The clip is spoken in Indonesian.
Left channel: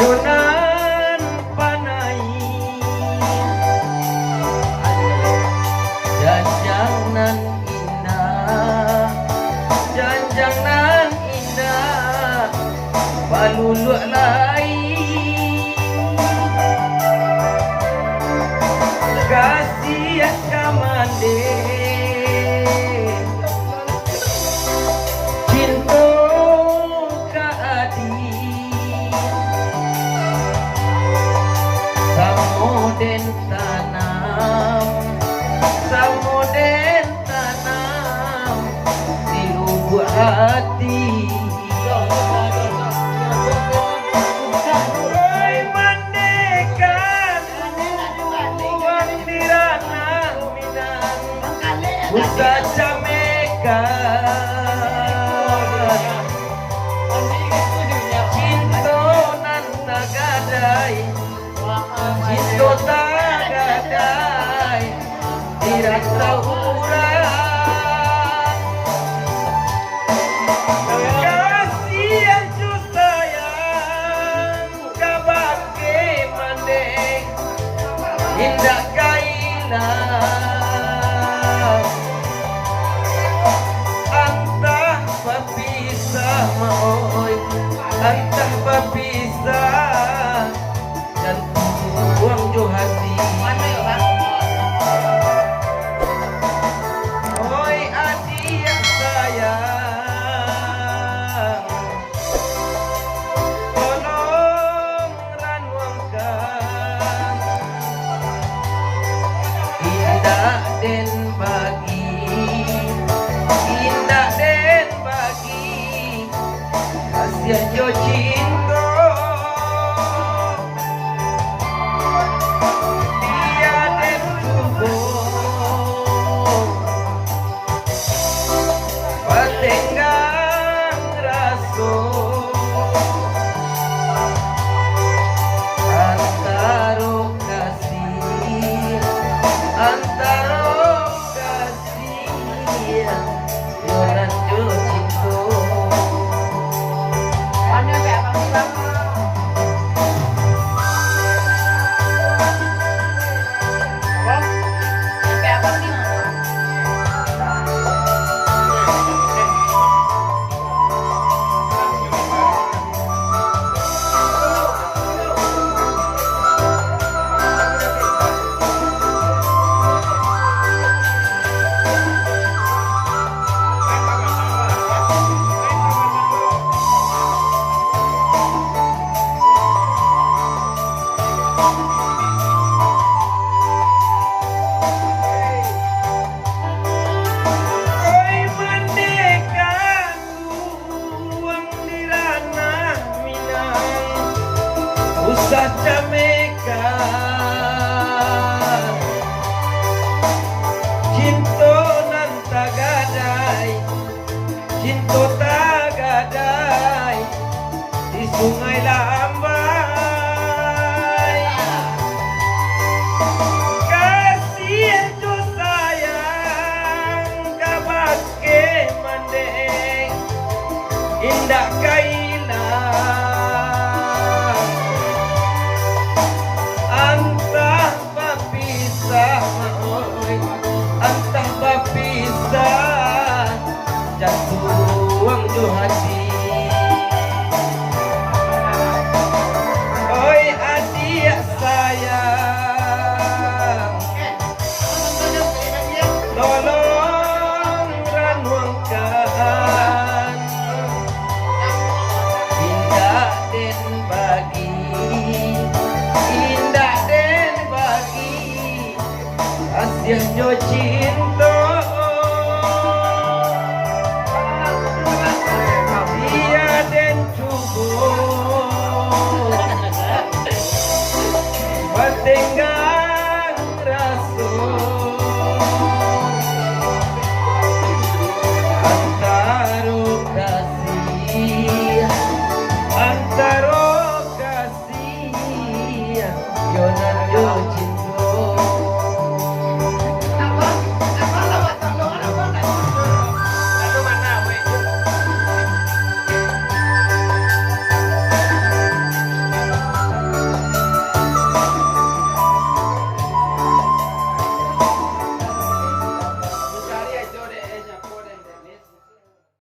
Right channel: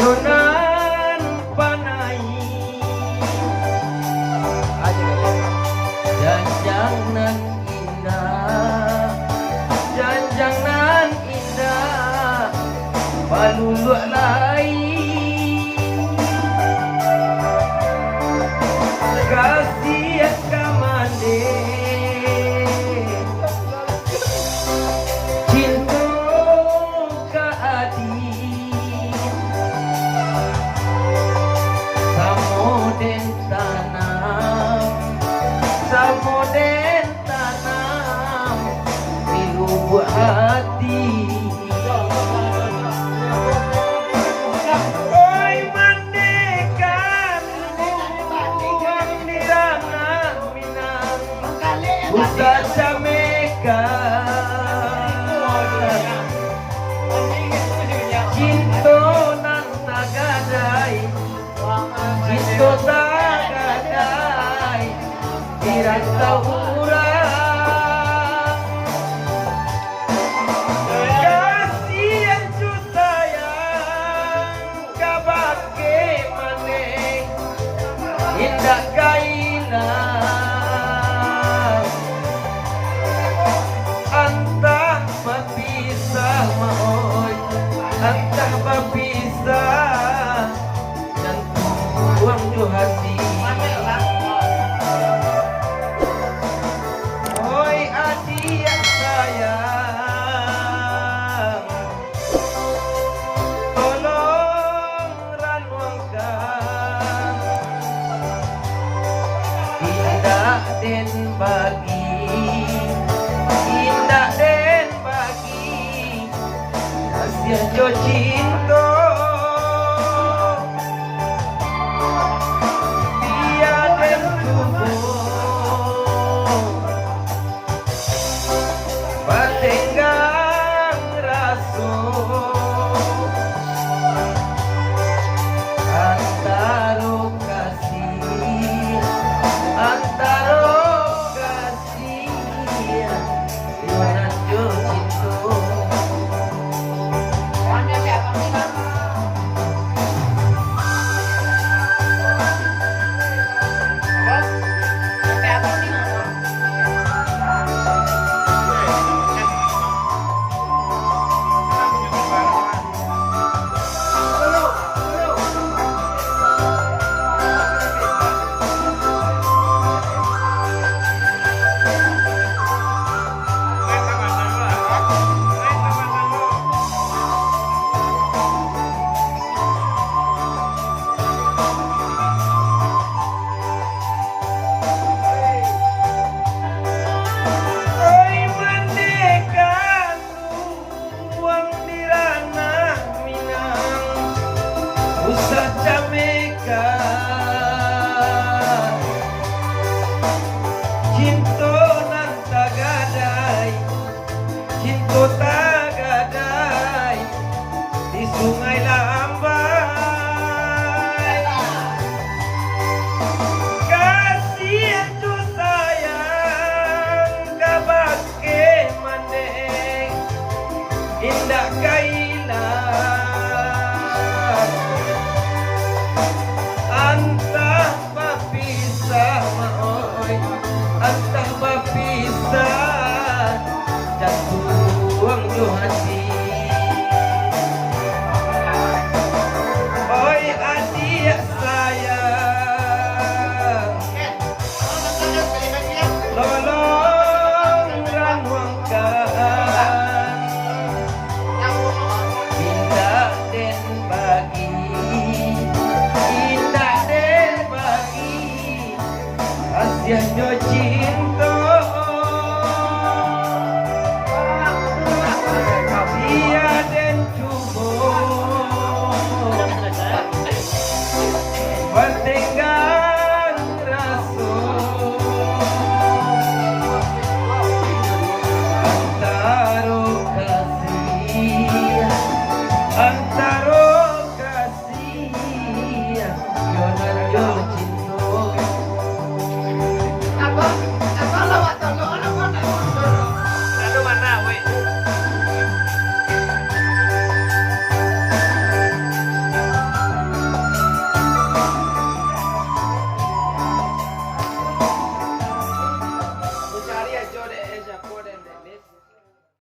Yunan panai janjang nan indah, janjang nan indah baluluk lai kasih kamande hati oi mandekan uang di ranah Minang usaha camekan cinto nan tagadai cinto tagadai dirasa urang indah kailang antah berpisah maoi antah berpisah dan buang jo hati oi adik sayang tolong ranuangkan indah den bagi kasih jo cinta dia den tubuh patenggang raso antaro kasih Yunan jo cinta cinta nan tagadai cinta tagadai di sungai Lambai kasih jo sayang kabake mandeng indah kailang antah berpisah maoi antah berpisah jatuh jo hati oi adik sayang tolong ranuangkan pindah den bagi Asiahnya cinta dia dan cubo Batenggang raso Antaro kasih Yonan yo cinta Cari aja deh, siapa deh.